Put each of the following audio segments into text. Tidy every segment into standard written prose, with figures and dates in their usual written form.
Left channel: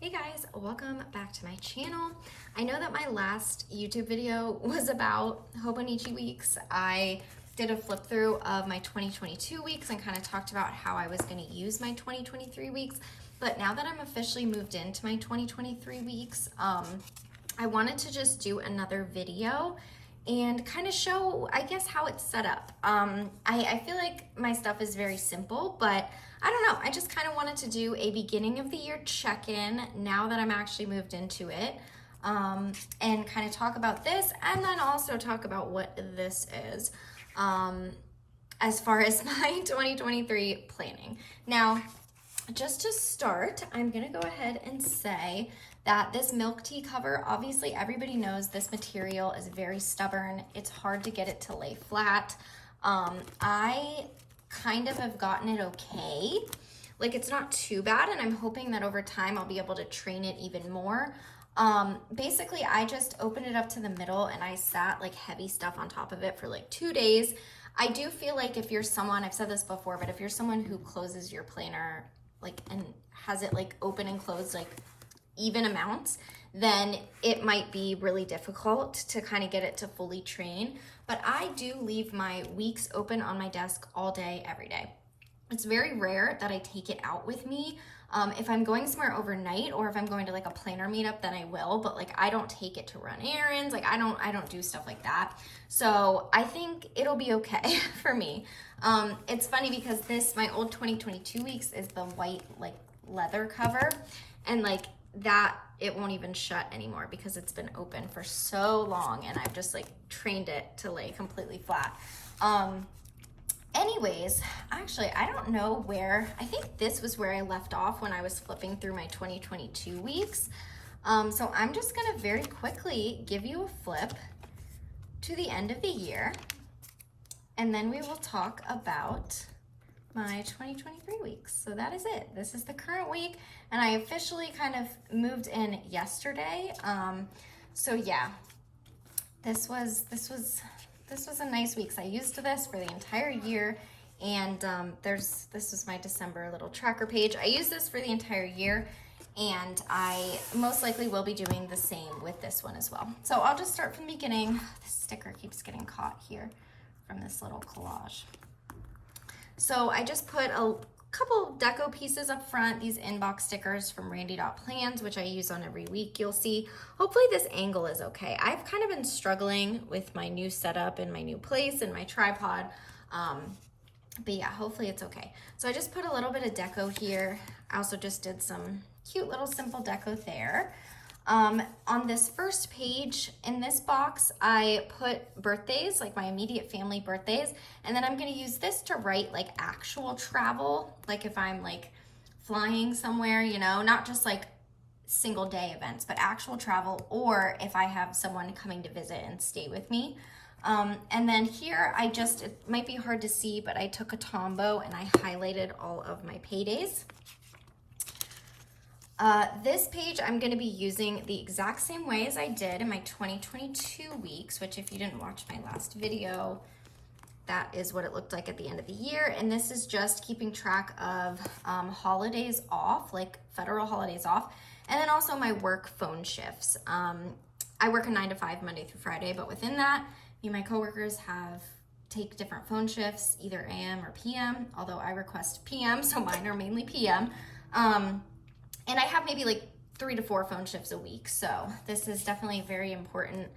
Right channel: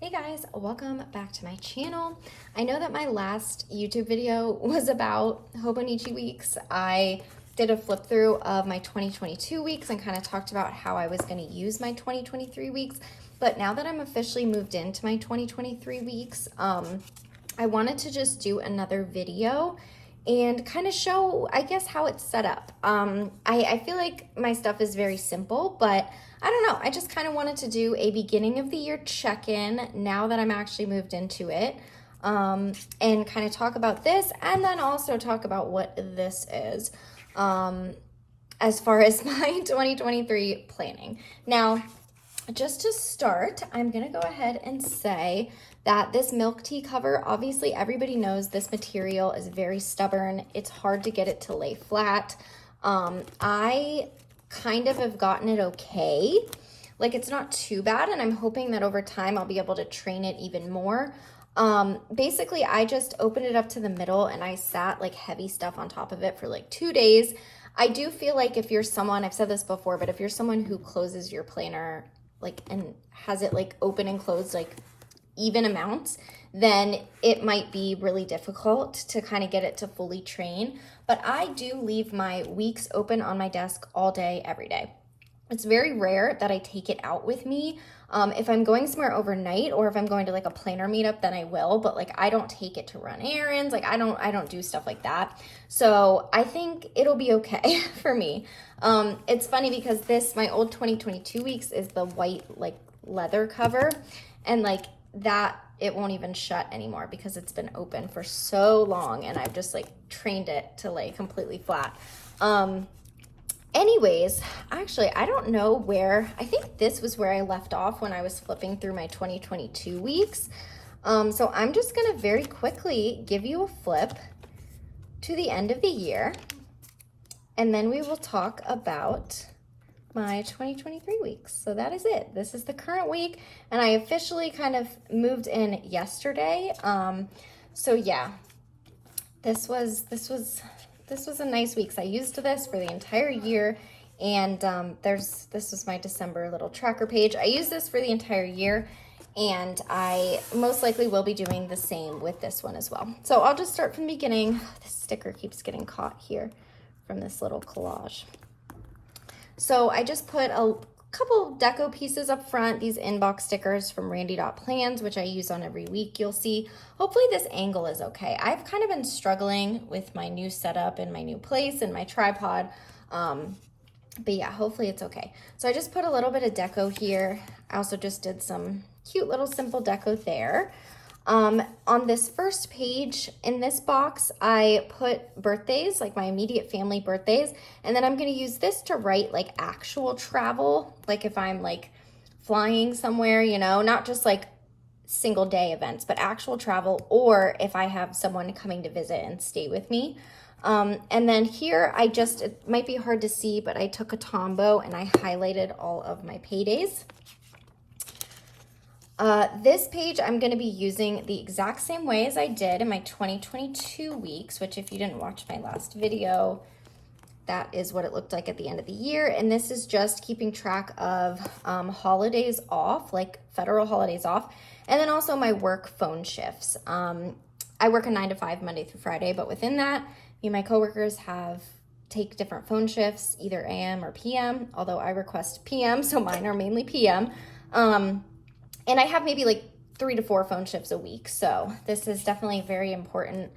Hey guys, welcome back to my channel. I know that my last YouTube video was about Hobonichi weeks. I did a flip through of my 2022 weeks and kind of talked about how I was going to use my 2023 weeks. But now that I'm officially moved into my 2023 weeks, I wanted to just do another video and kind of show, I guess, how it's set up. I feel like my stuff is very simple, but I don't know. I just kind of wanted to do a beginning of the year check-in now that I'm actually moved into it, and kind of talk about this and then also talk about what this is as far as my 2023 planning. Now, just to start, I'm gonna go ahead and say that this milk tea cover, obviously everybody knows this material is very stubborn. It's hard to get it to lay flat. I kind of have gotten it okay. Like, it's not too bad, and I'm hoping that over time I'll be able to train it even more. Basically, I just opened it up to the middle and I sat like heavy stuff on top of it for like 2 days. I do feel like if you're someone, I've said this before, but if you're someone who closes your planner like and has it like open and closed like even amounts, then it might be really difficult to kind of get it to fully train. But I do leave my weeks open on my desk all day, every day. It's very rare that I take it out with me. If I'm going somewhere overnight or if I'm going to like a planner meetup, then I will, but like I don't take it to run errands. Like I don't do stuff like that. So I think it'll be okay for me. It's funny because my old 2022 weeks is the white like leather cover, and like that it won't even shut anymore because it's been open for so long and I've just like trained it to lay completely flat. Anyways, actually, I don't know where, I think this was where I left off when I was flipping through my 2022 weeks. So I'm just gonna very quickly give you a flip to the end of the year, and then we will talk about my 2023 weeks. So that is it. This is the current week, and I officially kind of moved in yesterday. So yeah, this was a nice week. So I used this for the entire year, and this was my December little tracker page. I used this for the entire year, and I most likely will be doing the same with this one as well. So I'll just start from the beginning. This sticker keeps getting caught here from this little collage. So I just put a couple deco pieces up front, these inbox stickers from Randy.plans, which I use on every week, you'll see. Hopefully this angle is okay. I've kind of been struggling with my new setup and my new place and my tripod, but yeah, hopefully it's okay. So I just put a little bit of deco here. I also just did some cute little simple deco there. On this first page in this box, I put birthdays, like my immediate family birthdays, and then I'm gonna use this to write like actual travel, like if I'm like flying somewhere, you know, not just like single day events, but actual travel, or if I have someone coming to visit and stay with me. And then here, it might be hard to see, but I took a Tombow and I highlighted all of my paydays. This page I'm going to be using the exact same way as I did in my 2022 weeks, which if you didn't watch my last video, that is what it looked like at the end of the year. And this is just keeping track of holidays off, like federal holidays off, and then also my work phone shifts. I work a 9 to 5 Monday through Friday, but within that, me and my coworkers take different phone shifts, either AM or PM, although I request PM, so mine are mainly PM. And I have maybe like 3 to 4 phone shifts a week. So this is definitely a very important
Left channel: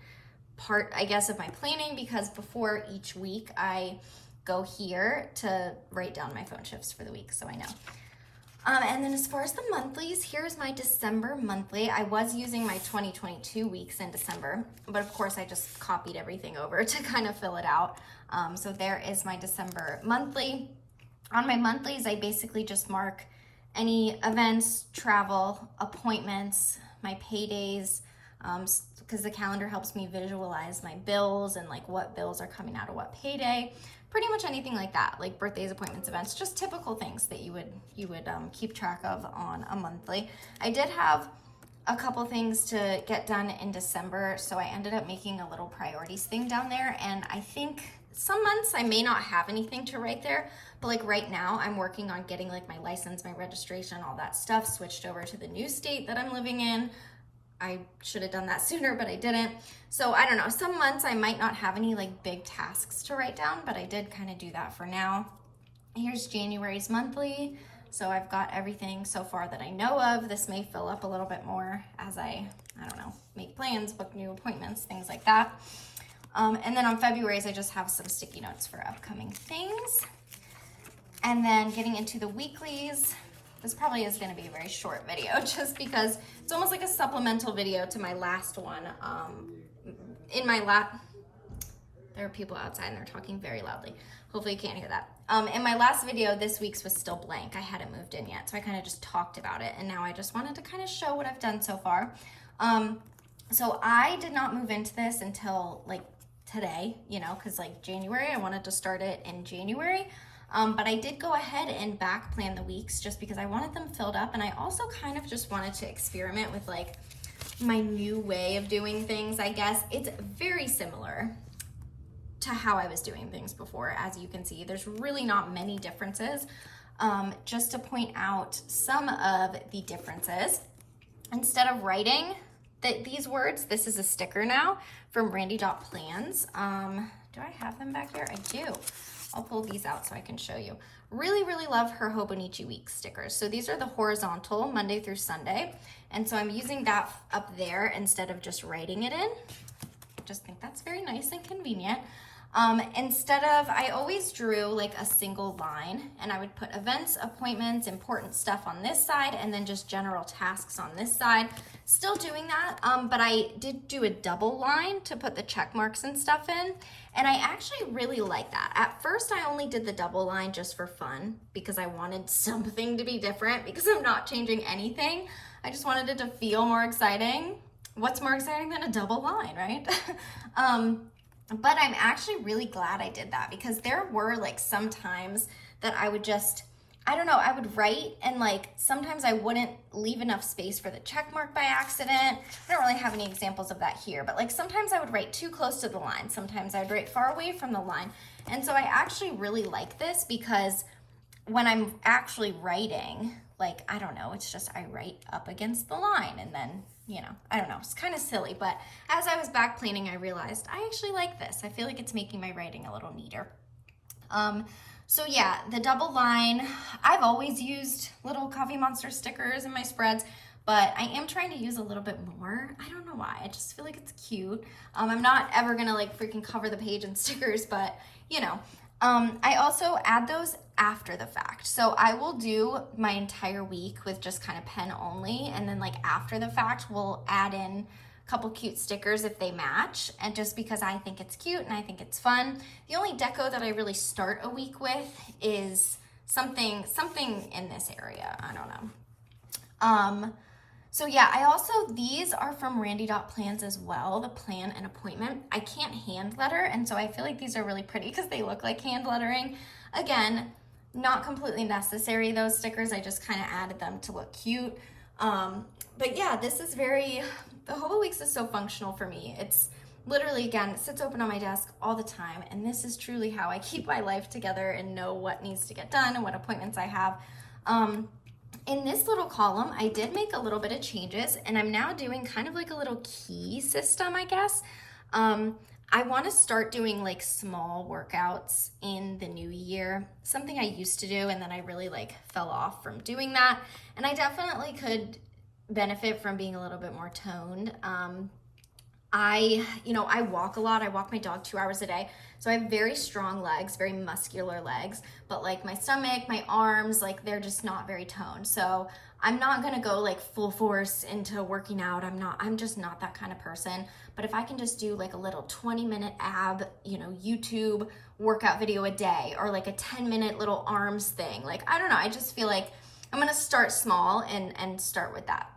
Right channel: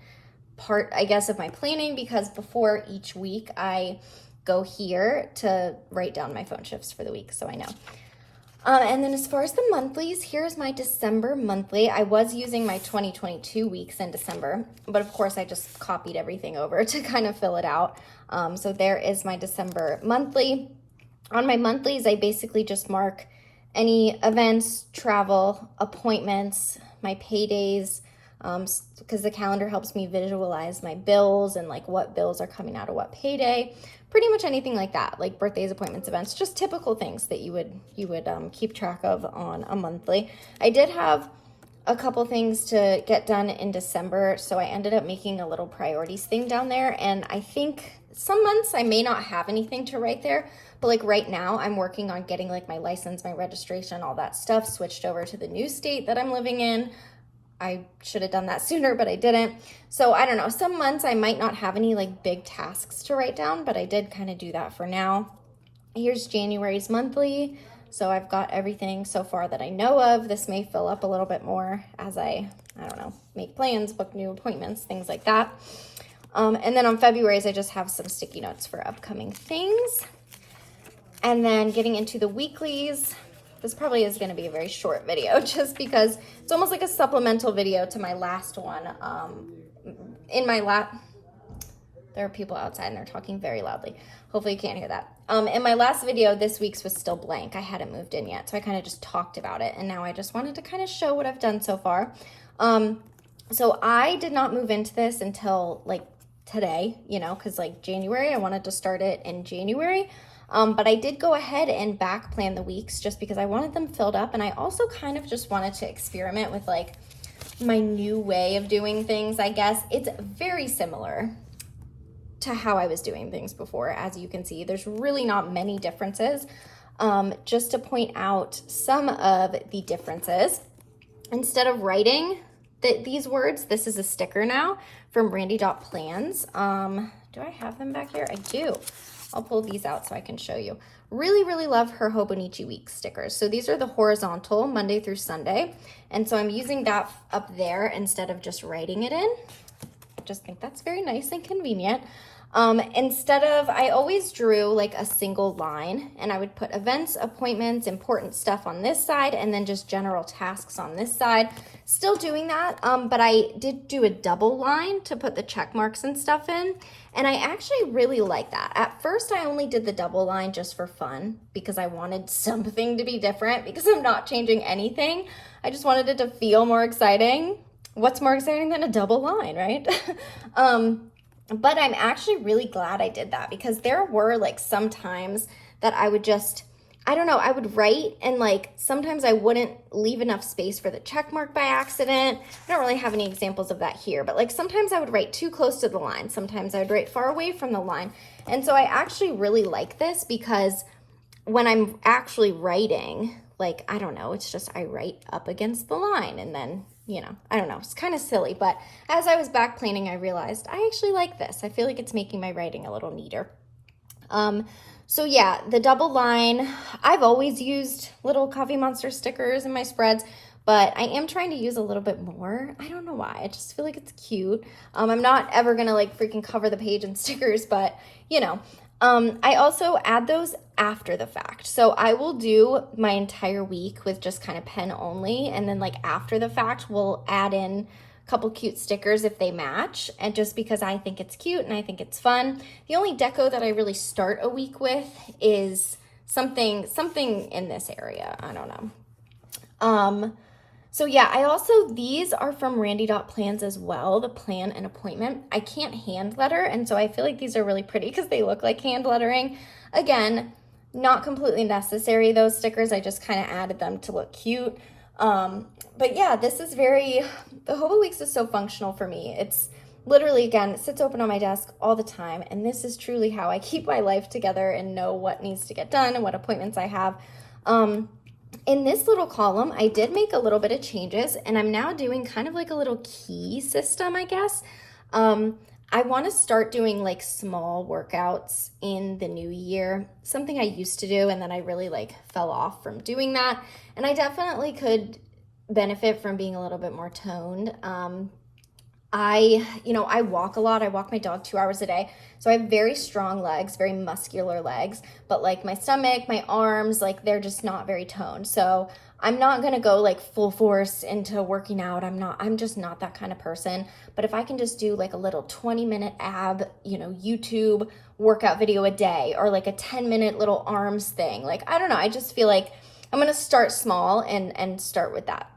part, I guess, of my planning, because before each week I go here to write down my phone shifts for the week, so I know. And then as far as the monthlies, here's my December monthly. I was using my 2022 weeks in December, but of course I just copied everything over to kind of fill it out. So there is my December monthly. On my monthlies, I basically just mark any events, travel, appointments, my paydays, because the calendar helps me visualize my bills and like what bills are coming out of what payday. Pretty much anything like that, like birthdays, appointments, events, just typical things that you would keep track of on a monthly. I did have a couple things to get done in December, so I ended up making a little priorities thing down there, and I think some months I may not have anything to write there, but like right now I'm working on getting like my license, my registration, all that stuff switched over to the new state that I'm living in. I should have done that sooner, but I didn't. So I don't know, some months I might not have any like big tasks to write down, but I did kind of do that for now. Here's January's monthly. So I've got everything so far that I know of. This may fill up a little bit more as I don't know, make plans, book new appointments, things like that. And then on February's, I just have some sticky notes for upcoming things. And then getting into the weeklies, this probably is gonna be a very short video just because it's almost like a supplemental video to my last one. There are people outside and they're talking very loudly. Hopefully you can't hear that. In my last video, this week's was still blank. I hadn't moved in yet, so I kind of just talked about it. And now I just wanted to kind of show what I've done so far. So I did not move into this until like today, you know, because like January, I wanted to start it in January. But I did go ahead and back plan the weeks just because I wanted them filled up. And I also kind of just wanted to experiment with like my new way of doing things, I guess. It's very similar to how I was doing things before. As you can see, there's really not many differences. Just to point out some of the differences, instead of writing these words, this is a sticker now from Randy.plans. Do I have them back here? I do. I'll pull these out so I can show you. Really, really love her HOBONICHI Weeks stickers. So these are the horizontal, Monday through Sunday. And so I'm using that up there instead of just writing it in. I just think that's very nice and convenient. Instead of, I always drew like a single line and I would put events, appointments, important stuff on this side, and then just general tasks on this side. Still doing that, but I did do a double line to put the check marks and stuff in. And I actually really like that. At first, I only did the double line just for fun because I wanted something to be different because I'm not changing anything. I just wanted it to feel more exciting. What's more exciting than a double line, right? But I'm actually really glad I did that because there were like some times that I would just, I don't know, I would write and like sometimes I wouldn't leave enough space for the check mark by accident. I don't really have any examples of that here, but like sometimes I would write too close to the line. Sometimes I would write far away from the line. And so I actually really like this because when I'm actually writing, like, I don't know, it's just I write up against the line and then, you know, I don't know, it's kind of silly, but as I was back planning, I realized I actually like this. I feel like it's making my writing a little neater. So yeah, the double line, I've always used little Coffee Monster stickers in my spreads, but I am trying to use a little bit more. I don't know why, I just feel like it's cute. I'm not ever gonna like freaking cover the page in stickers, but you know. I also add those after the fact. So I will do my entire week with just kind of pen only. And then like after the fact, we'll add in a couple cute stickers if they match. And just because I think it's cute and I think it's fun. The only deco that I really start a week with is something in this area. I don't know. So yeah, I also, these are from Randy.plans as well, the plan and appointment. I can't hand letter, and so I feel like these are really pretty because they look like hand lettering. Again, not completely necessary, those stickers. I just kind of added them to look cute. But yeah, this is the Hobo Weeks is so functional for me. It's literally, again, it sits open on my desk all the time, and this is truly how I keep my life together and know what needs to get done and what appointments I have. In this little column, I did make a little bit of changes, and I'm now doing kind of like a little key system, I guess. I want to start doing like small workouts in the new year, something I used to do, and then I really like fell off from doing that. And I definitely could benefit from being a little bit more toned. I walk a lot. I walk my dog 2 hours a day. So I have very strong legs, very muscular legs, but like my stomach, my arms, like they're just not very toned. So I'm not going to go like full force into working out. I'm just not that kind of person. But if I can just do like a little 20-minute ab, YouTube workout video a day, or like a 10-minute little arms thing, like, I don't know. I just feel like I'm going to start small and start with that.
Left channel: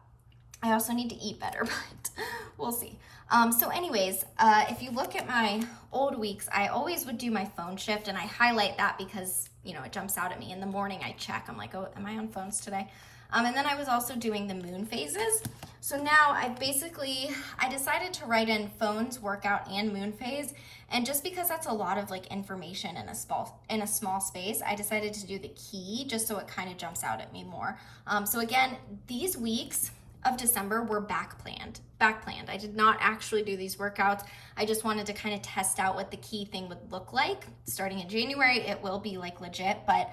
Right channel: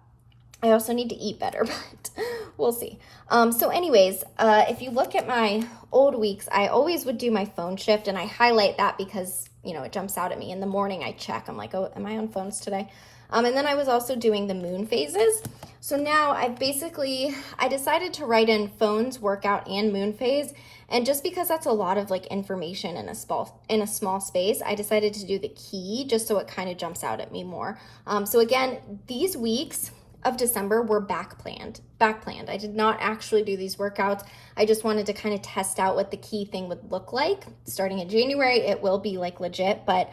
I also need to eat better, but we'll see. So anyways, if you look at my old weeks, I always would do my phone shift, and I highlight that because, it jumps out at me. In the morning I check, I'm like, oh, am I on phones today? And then I was also doing the moon phases. So now I decided to write in phones, workout, and moon phase. And just because that's a lot of like information in a small space, I decided to do the key just so it kind of jumps out at me more. So again, these weeks of December were back planned. I did not actually do these workouts. I just wanted to kind of test out what the key thing would look like. Starting in January, it will be like legit, but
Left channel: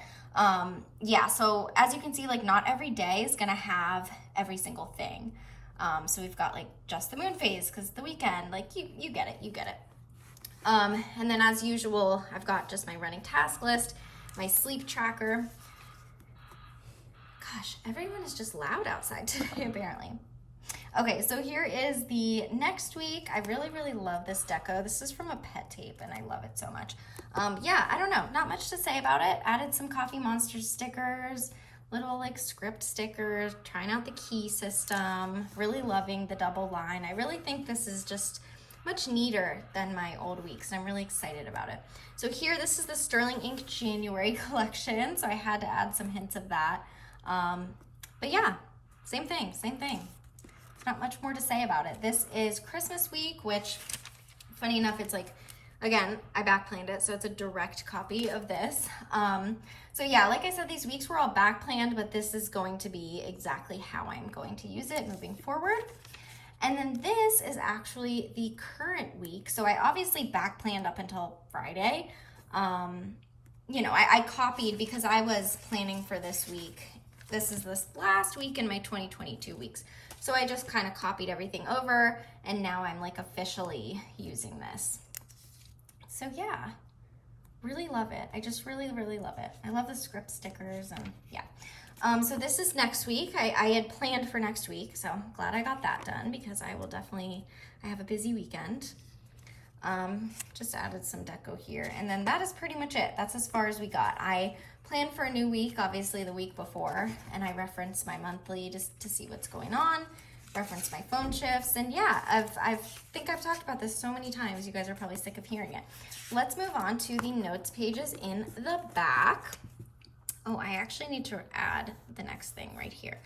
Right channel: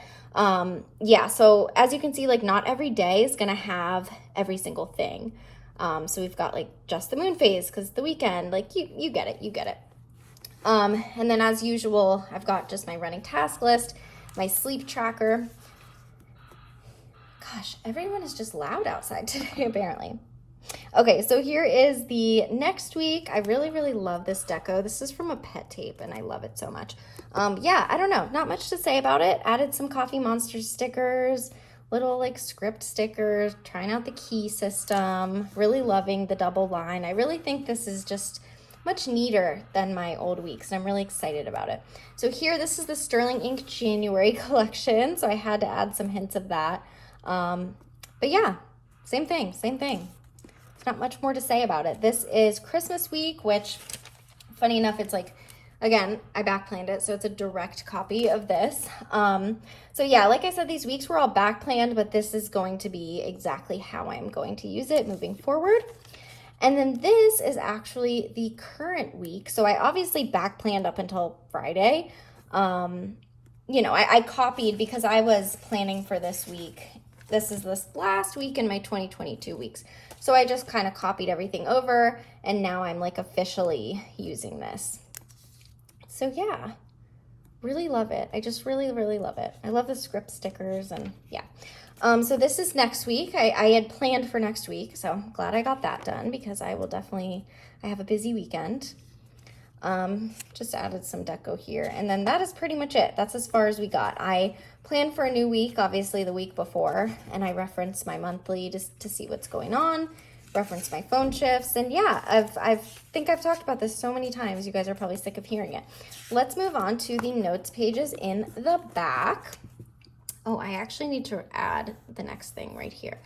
yeah, so as you can see, like not every day is gonna have every single thing. So we've got like just the moon phase because the weekend, like you get it. And then as usual, I've got just my running task list, my sleep tracker. Gosh, everyone is just loud outside today, apparently. Okay, so here is the next week. I really love this deco. This is from a Pet Tape, and I love it so much. Yeah, I don't know, not much to say about it. Added some Coffee Monster stickers, little like script stickers, trying out the key system, really loving the double line. I really think this is just much neater than my old weeks, and I'm really excited about it. So here, this is the Sterling Ink January collection, so I had to add some hints of that. But yeah, same thing. There's not much more to say about it. This is Christmas week, which funny enough, it's like, again, I backplanned it, so it's a direct copy of this. So yeah, like I said, these weeks were all backplanned, but this is going to be exactly how I'm going to use it moving forward. And then this is actually the current week. So I obviously backplanned up until Friday. You know, I copied because I was planning for this week. This is this last week in my 2022 weeks. So I just kind of copied everything over, and now I'm like officially using this. So yeah, really love it. I just really love it. I love the script stickers, and yeah. So this is next week. I had planned for next week, so I'm glad I got that done because I have a busy weekend. Just added some deco here, and then that is pretty much it. That's as far as we got. I planned for a new week, obviously the week before, and I referenced my monthly just to see what's going on, referenced my phone shifts, and yeah, I think I've talked about this so many times. You guys are probably sick of hearing it. Let's move on to the notes pages in the back. Oh, I actually need to add the next thing right here.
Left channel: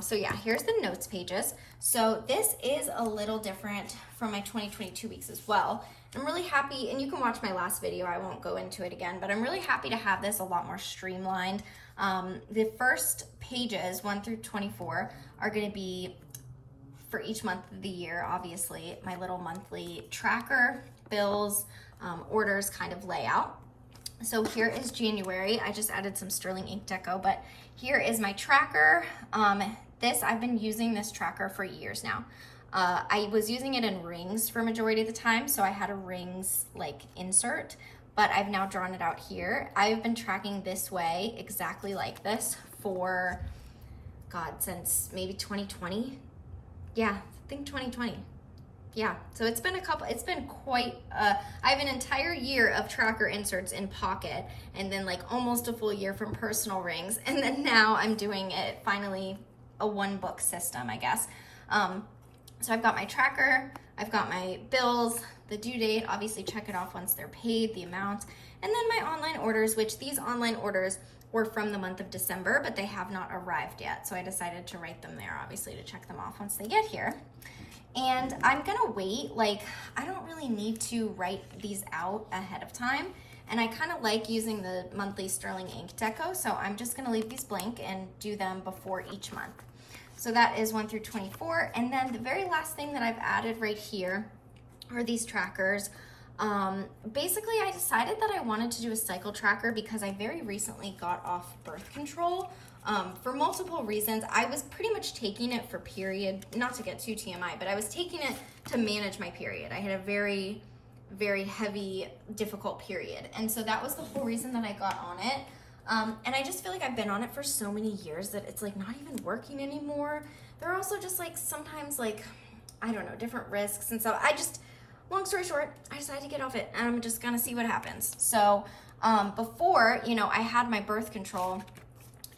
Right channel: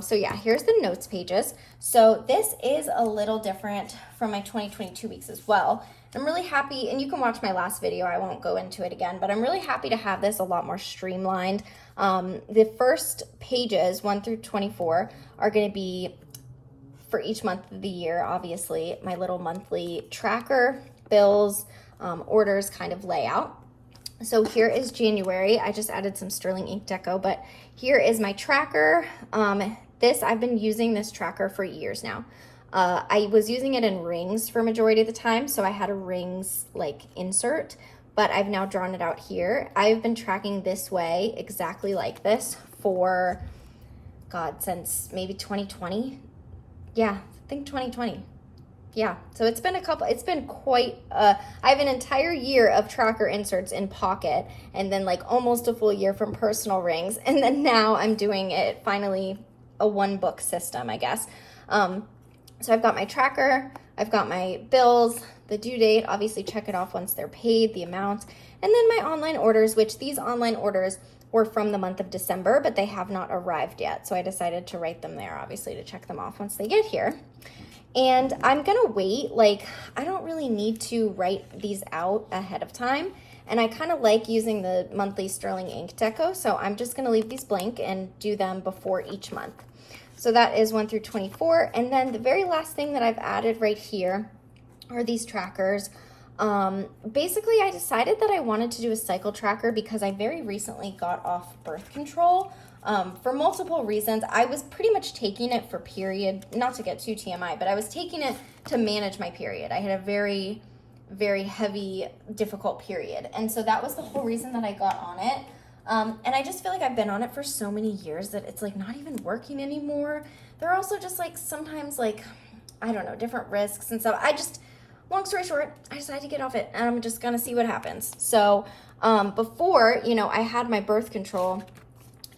So yeah, here's the notes pages. So this is a little different from my 2022 weeks as well. I'm really happy, and you can watch my last video, I won't go into it again, but I'm really happy to have this a lot more streamlined. The first pages, 1 through 24, are gonna be for each month of the year, obviously, my little monthly tracker, bills, orders kind of layout. So here is January. I just added some Sterling Ink deco, but here is my tracker. I've been using this tracker for years now. I was using it in rings for majority of the time, so I had a rings like insert, but I've now drawn it out here. I've been tracking this way, exactly like this, for, God, since maybe 2020. Yeah, I think 2020. Yeah, so it's been quite, I have an entire year of tracker inserts in Pocket, and then like almost a full year from personal rings, and then now I'm doing it finally a one book system, I guess. So I've got my tracker, I've got my bills, the due date, obviously check it off once they're paid, the amount, and then my online orders, which these online orders were from the month of December, but they have not arrived yet, so I decided to write them there, obviously, to check them off once they get here. And I'm gonna wait, like, I don't really need to write these out ahead of time. And I kind of like using the monthly Sterling Ink deco, so I'm just gonna leave these blank and do them before each month. So that is 1 through 24. And then the very last thing that I've added right here are these trackers. Basically, I decided that I wanted to do a cycle tracker because I very recently got off birth control. For multiple reasons. I was pretty much taking it for period, not to get too TMI, but I was taking it to manage my period. I had a very heavy, difficult period. And so that was the whole reason that I got on it. And I just feel like I've been on it for so many years that it's like not even working anymore. There are also just like sometimes like, I don't know, different risks. And so long story short, I decided to get off it and I'm just gonna see what happens. So before, you know, I had my birth control,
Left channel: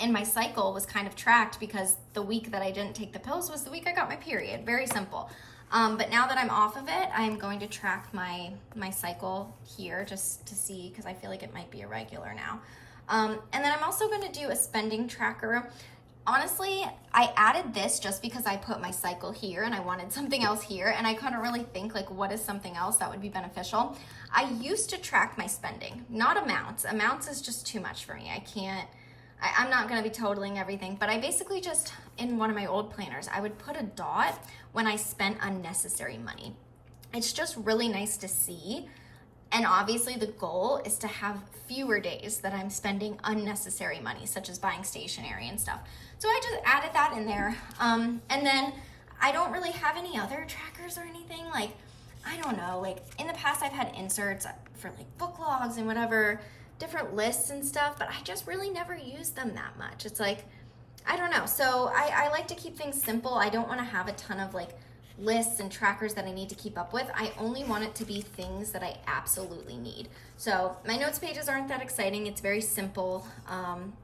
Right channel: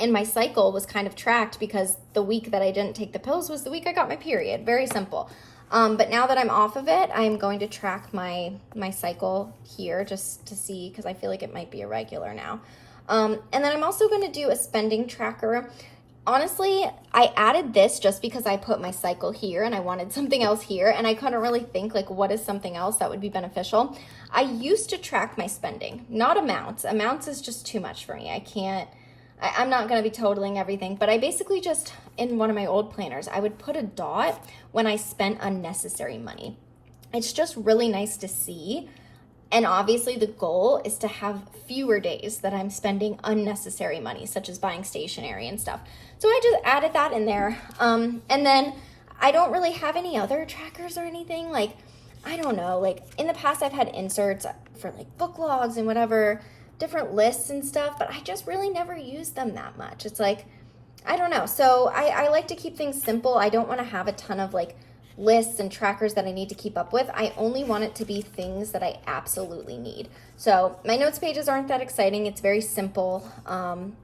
and my cycle was kind of tracked because the week that I didn't take the pills was the week I got my period. Very simple. But now that I'm off of it, I'm going to track my cycle here just to see, because I feel like it might be irregular now. And then I'm also going to do a spending tracker. Honestly, I added this just because I put my cycle here and I wanted something else here, and I couldn't really think like what is something else that would be beneficial. I used to track my spending, not amounts. Amounts is just too much for me. I'm not gonna be totaling everything, but I basically just, in one of my old planners, I would put a dot when I spent unnecessary money. It's just really nice to see. And obviously the goal is to have fewer days that I'm spending unnecessary money, such as buying stationery and stuff. So I just added that in there. And then I don't really have any other trackers or anything. Like, I don't know, like in the past I've had inserts for like book logs and whatever, different lists and stuff, but I just really never use them that much. It's like, I don't know. So I like to keep things simple. I don't want to have a ton of like lists and trackers that I need to keep up with. I only want it to be things that I absolutely need. So my notes pages aren't that exciting. It's very simple,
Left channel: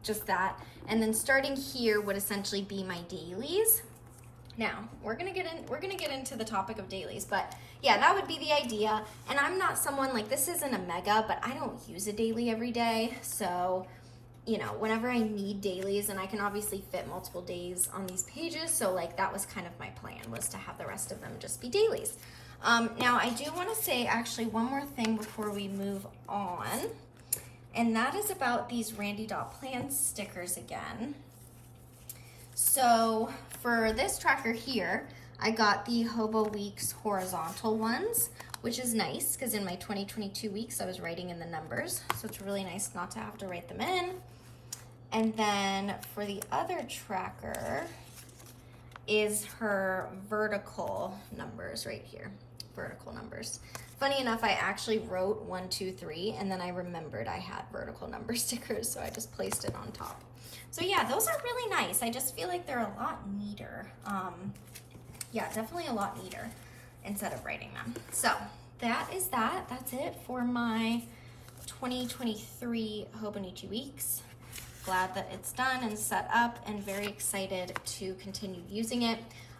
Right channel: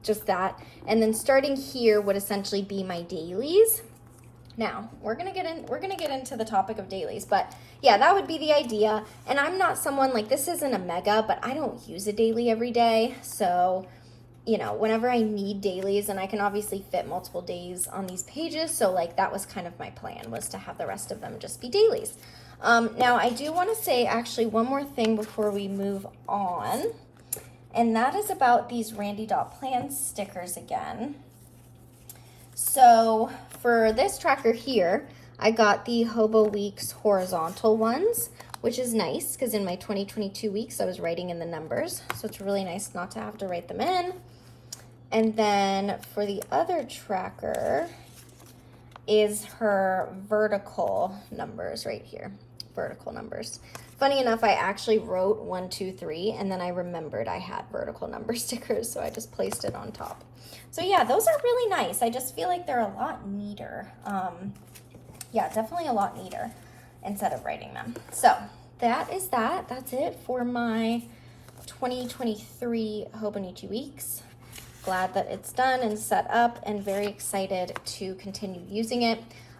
just that. And then starting here would essentially be my dailies. Now we're gonna get into the topic of dailies, but yeah, that would be the idea. And I'm not someone like, this isn't a mega, but I don't use a daily every day. So you know, whenever I need dailies, and I can obviously fit multiple days on these pages, so like that was kind of my plan, was to have the rest of them just be dailies. Now I do want to say actually one more thing before we move on, and that is about these Randy.plan stickers again. So for this tracker here, I got the Hobo Weeks horizontal ones, which is nice because in my 2022 weeks I was writing in the numbers, so it's really nice not to have to write them in. And then for the other tracker is her vertical numbers right here, vertical numbers. Funny enough, I actually wrote 1, 2, 3, and then I remembered I had vertical number stickers, so I just placed it on top. So yeah, those are really nice. I just feel like they're a lot neater. Yeah, definitely a lot neater instead of writing them. So that is that. That's it for my 2023 Hobonichi weeks. Glad that it's done and set up, and very excited to continue using it.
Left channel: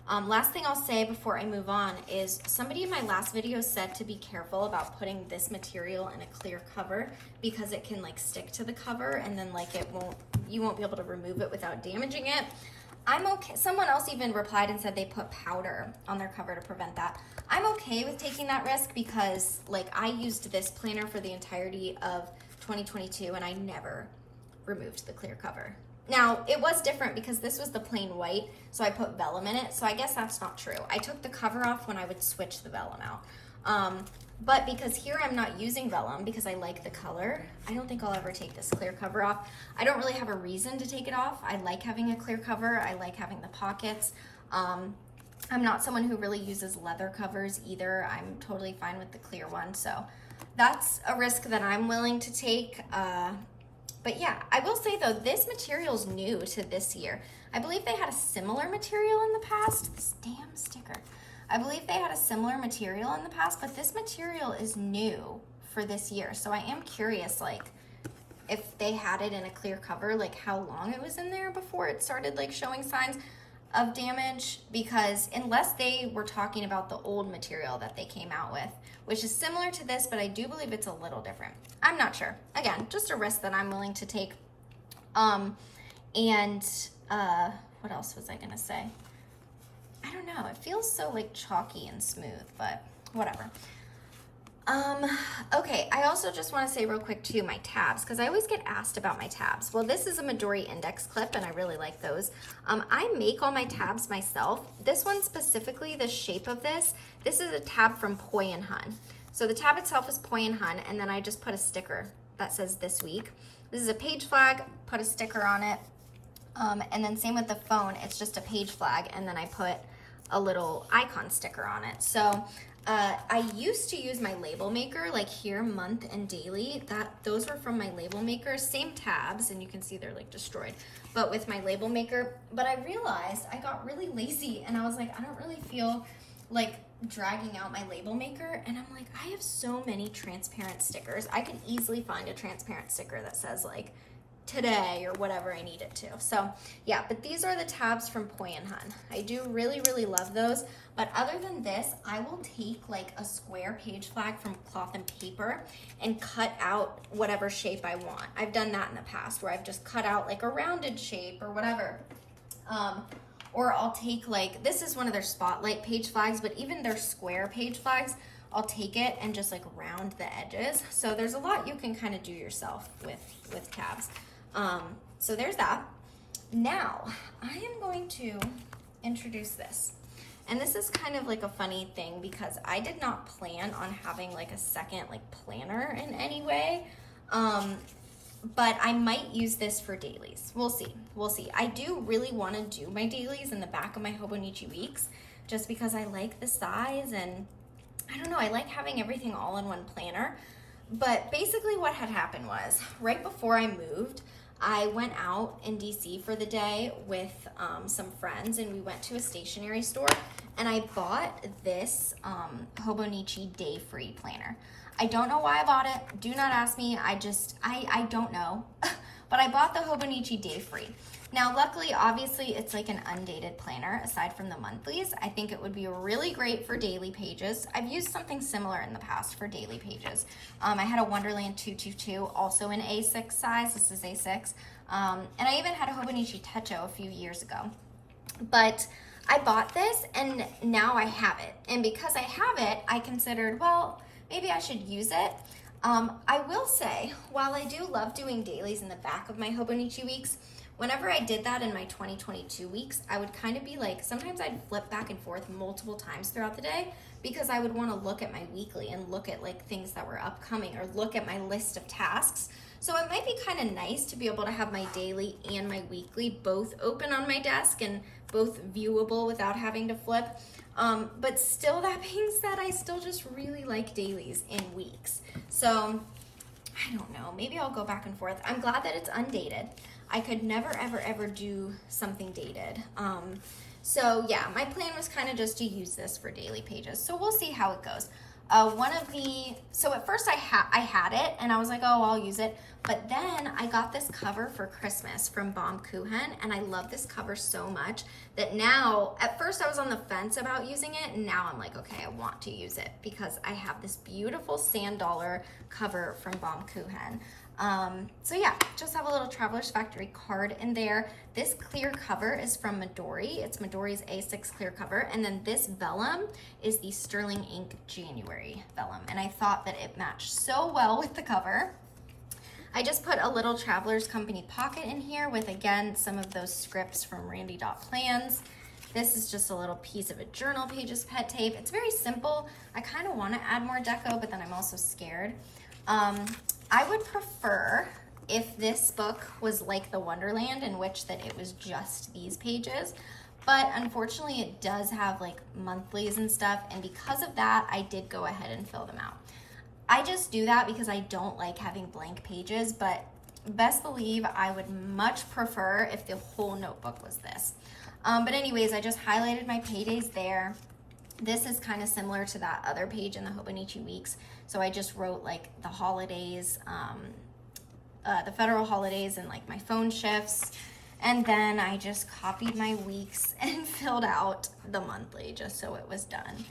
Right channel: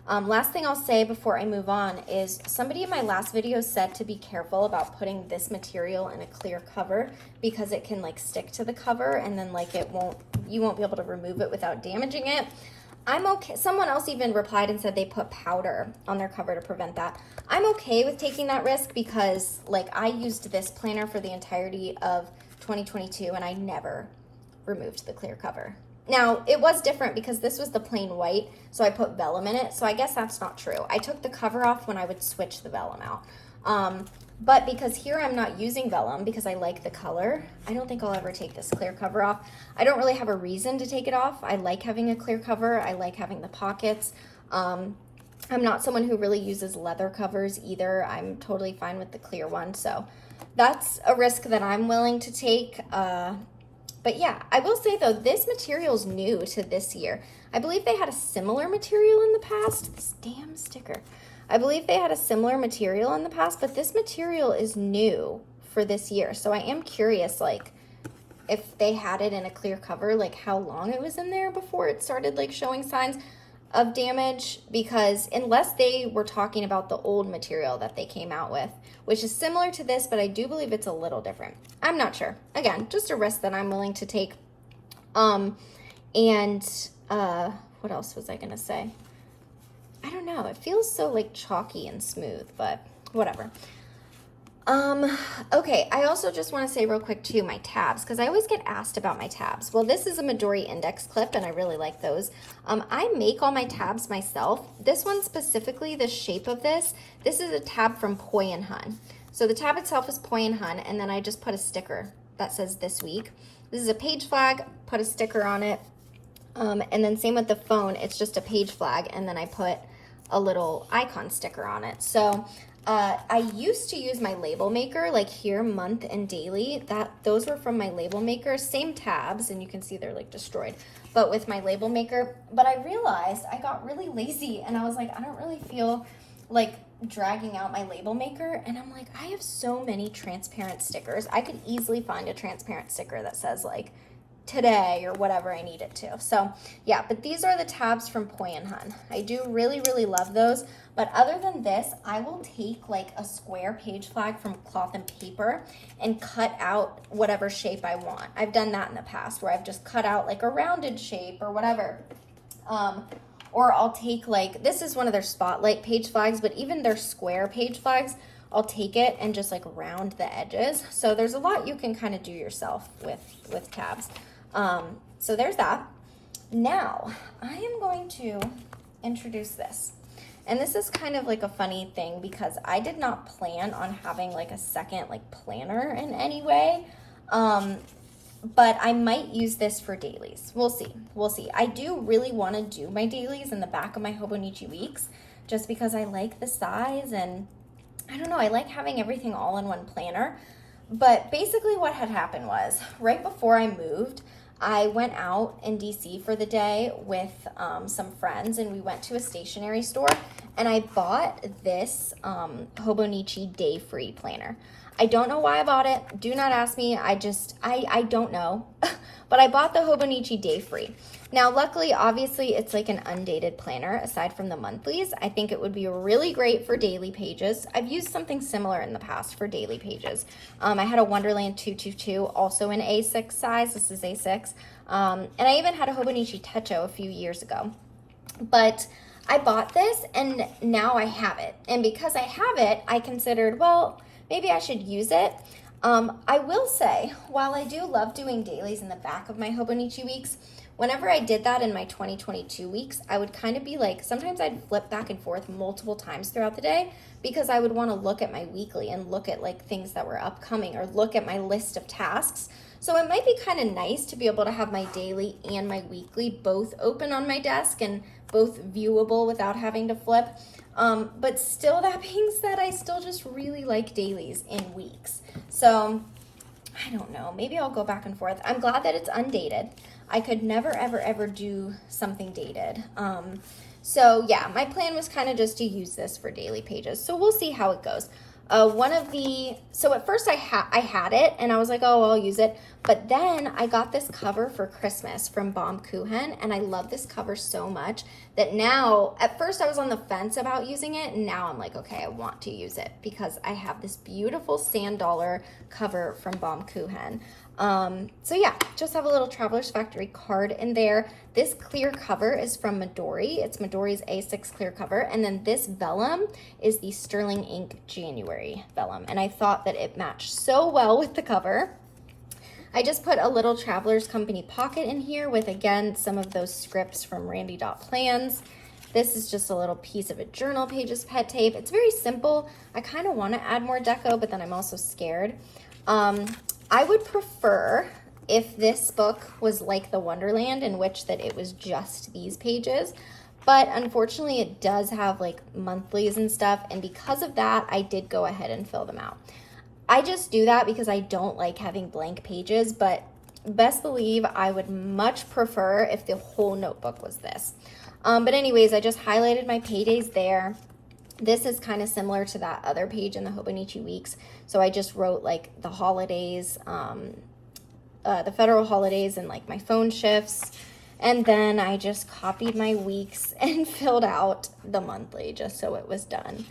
Last thing I'll say before I move on is somebody in my last video said to be careful about putting this material in a clear cover because it can like stick to the cover, and then like you won't be able to remove it without damaging it. I'm okay. Someone else even replied and said they put powder on their cover to prevent that. I'm okay with taking that risk because like I used this planner for the entirety of 2022 and I never removed the clear cover. Now it was different because this was the plain white, so I put vellum in it, so I guess that's not true. I took the cover off when I would switch the vellum out. But because here I'm not using vellum because I like the color, I don't think I'll ever take this clear cover off. I don't really have a reason to take it off. I like having a clear cover. I like having the pockets. I'm not someone who really uses leather covers either. I'm totally fine with the clear one, so that's a risk that I'm willing to take. But yeah, I will say though, this material is new to this year. I believe they had a similar material in the past. This damn sticker. I believe they had a similar material in the past, but this material is new for this year. So I am curious, like, if they had it in a clear cover, like how long it was in there before it started like showing signs of damage, because unless they were talking about the old material that they came out with, which is similar to this, but I do believe it's a little different. I'm not sure. Again, just a risk that I'm willing to take. What else was I gonna say? I don't know. It feels so like chalky and smooth, but whatever. Okay, I also just want to say real quick too, my tabs, because I always get asked about my tabs. Well, this is a Midori index clip, and I really like those. I make all my tabs myself. This one specifically, the shape of this is a tab from Poi and Hun. So the tab itself is Poi and Hun, and then I just put a sticker that says this week. This is a page flag, put a sticker on it, and then same with the phone, it's just a page flag, and then I put a little icon sticker on it. So I used to use my label maker, like here, month and daily. Those were from my label maker, same tabs, and you can see they're like destroyed, but with my label maker. But I realized I got really lazy, and I was like, I don't really feel like dragging out my label maker, and I'm like, I have so many transparent stickers. I could easily find a transparent sticker that says like today or whatever I need it to. So yeah, but these are the tabs from Poi and Hun. I do really, really love those. But other than this, I will take like a square page flag from cloth and paper and cut out whatever shape I want. I've done that in the past where I've just cut out like a rounded shape or whatever. Or I'll take like, this is one of their spotlight page flags, but even their square page flags, I'll take it and just like round the edges. So there's a lot you can kind of do yourself with tabs. So there's that. Now I am going to introduce this. And this is kind of like a funny thing because I did not plan on having like a second like planner in any way. But I might use this for dailies. We'll see. We'll see. I do really want to do my dailies in the back of my Hobonichi Weeks just because I like the size and I don't know, I like having everything all in one planner. But basically what had happened was right before I moved, I went out in DC for the day with some friends and we went to a stationery store and I bought this Hobonichi Day Free planner. I don't know why I bought it. Do not ask me. I don't know. But I bought the Hobonichi Day Free. Now, luckily, obviously, it's like an undated planner aside from the monthlies. I think it would be really great for daily pages. I've used something similar in the past for daily pages. I had a Wonderland 222, also in A6 size. This is A6. And I even had a Hobonichi Techo a few years ago. But I bought this, and now I have it. And because I have it, I considered, well, maybe I should use it. I will say, while I do love doing dailies in the back of my Hobonichi Weeks, whenever I did that in my 2022 weeks, I would kind of be like, sometimes I'd flip back and forth multiple times throughout the day because I would want to look at my weekly and look at like things that were upcoming or look at my list of tasks. So it might be kind of nice to be able to have my daily and my weekly both open on my desk and both viewable without having to flip. But still, that being said, I still just really like dailies in weeks. So I don't know, maybe I'll go back and forth. I'm glad that it's undated. I could never, ever, ever do something dated. So yeah, my plan was kind of just to use this for daily pages. So we'll see how it goes. So at first I had it and I was like, oh, I'll use it. But then I got this cover for Christmas from Baumkuchen and I love this cover so much that now, at first I was on the fence about using it and now I'm like, okay, I want to use it because I have this beautiful sand dollar cover from Baumkuchen. So yeah, just have a little Traveler's Factory card in there. This clear cover is from Midori. It's Midori's A6 clear cover. And then this vellum is the Sterling Ink January vellum. And I thought that it matched so well with the cover. I just put a little Traveler's Company pocket in here with, again, some of those scripts from Randy.Plans. This is just a little piece of a journal pages pet tape. It's very simple. I kind of want to add more deco, but then I'm also scared. I would prefer if this book was like the Wonderland, in which that it was just these pages, but unfortunately it does have like monthlies and stuff, and because of that I did go ahead and fill them out. I just do that because I don't like having blank pages, but best believe I would much prefer if the whole notebook was this. But anyways, I just highlighted my paydays there. This is kind of similar to that other page in the Hobonichi Weeks. So I just wrote like the holidays, the federal holidays and like my phone shifts. And then I just copied my weeks and filled out the monthly just so it was done.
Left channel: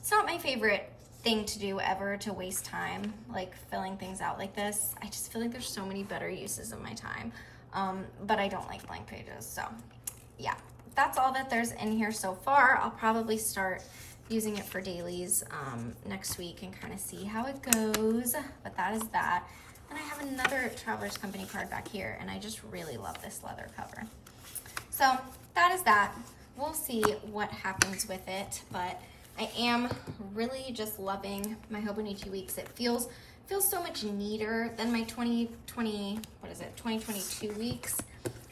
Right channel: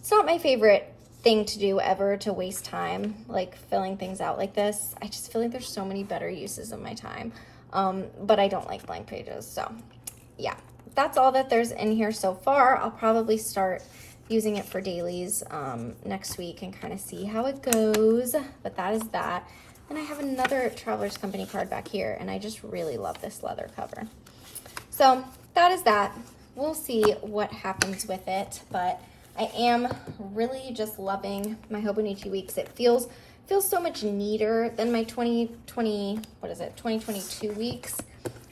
It's not my favorite thing to do ever, to waste time like filling things out like this. I just feel like there's so many better uses of my time. But I don't like blank pages. So yeah, that's all that there's in here so far. I'll probably start using it for dailies next week and kind of see how it goes, but that is that. And I have another Traveler's Company card back here, and I just really love this leather cover. So that is that. We'll see what happens with it, but I am really just loving my Hobonichi Weeks. It feels so much neater than my 2022 weeks.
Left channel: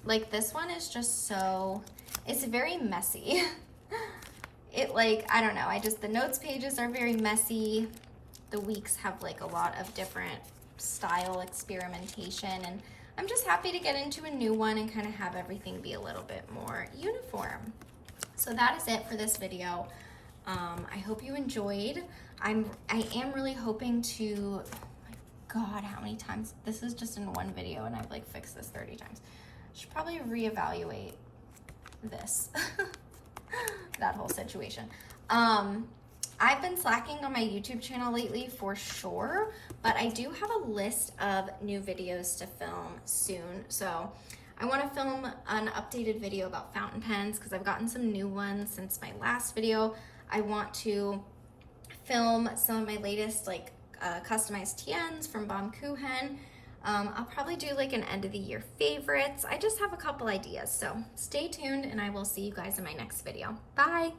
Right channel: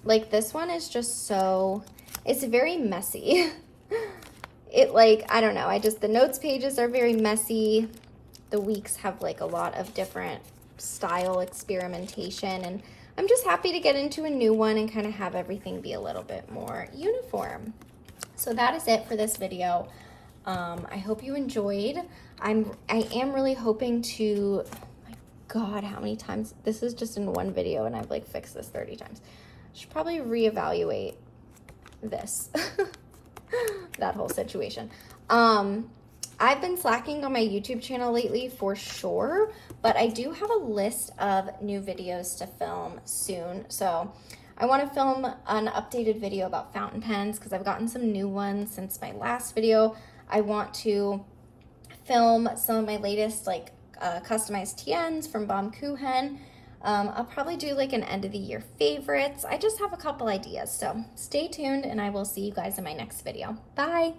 Like this one is just so, it's very messy. It like, I don't know, the notes pages are very messy. The weeks have like a lot of different style experimentation, and I'm just happy to get into a new one and kind of have everything be a little bit more uniform. So that is it for this video. I hope you enjoyed. I am really hoping to, oh my God, how many times? This is just in one video and I've like fixed this 30 times. I should probably reevaluate this. That whole situation. I've been slacking on my YouTube channel lately for sure, but I do have a list of new videos to film soon. So I want to film an updated video about fountain pens because I've gotten some new ones since my last video. I want to film some of my latest like customized TNs from Baumkuchen. I'll probably do like an end of the year favorites. I just have a couple ideas, so stay tuned and I will see you guys in my next video. Bye!